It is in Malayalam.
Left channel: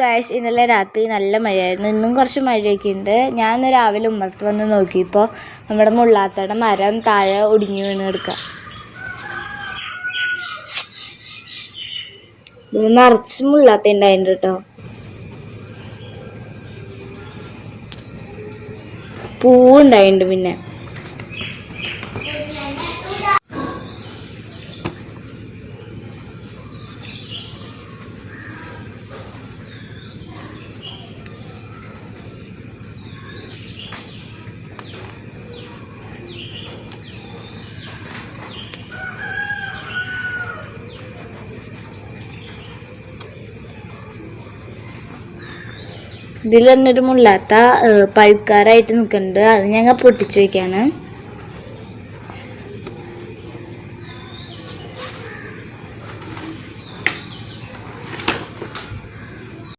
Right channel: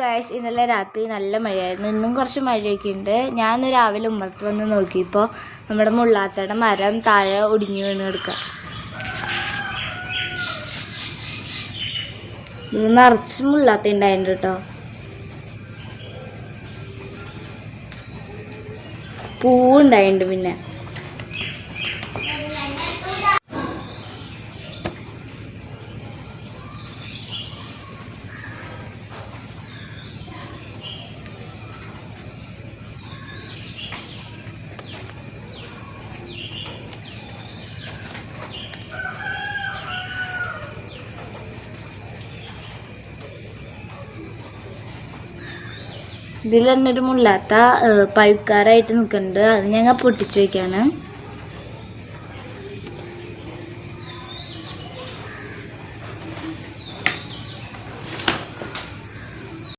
ഗായ്സ്, ഇന്നലെ രാത്രി നല്ല മഴയായിരുന്നു. ഇന്നും കുറച്ച് മഴയൊക്കെ ഉണ്ട്. ഞാൻ രാവിലെ ഉമ്മറത്ത് വന്ന് നോക്കിയപ്പോൾ നമ്മുടെ മുള്ളാത്തയുടെ മരം താഴെ ഒടിഞ്ഞു വീണ് കിടക്കുക. നിറച്ച് മുള്ളാത്ത ഉണ്ടായിട്ടുണ്ട് കേട്ടോ. പൂവുണ്ടായിട്ടുണ്ട്. പിന്നെ ഇതിൽ തന്നൊരു മുള്ളാത്ത പഴുക്കാറായിട്ട് നിൽക്കുന്നുണ്ട്. അത് ഞങ്ങൾ പൊട്ടിച്ചു വയ്ക്കാണ്.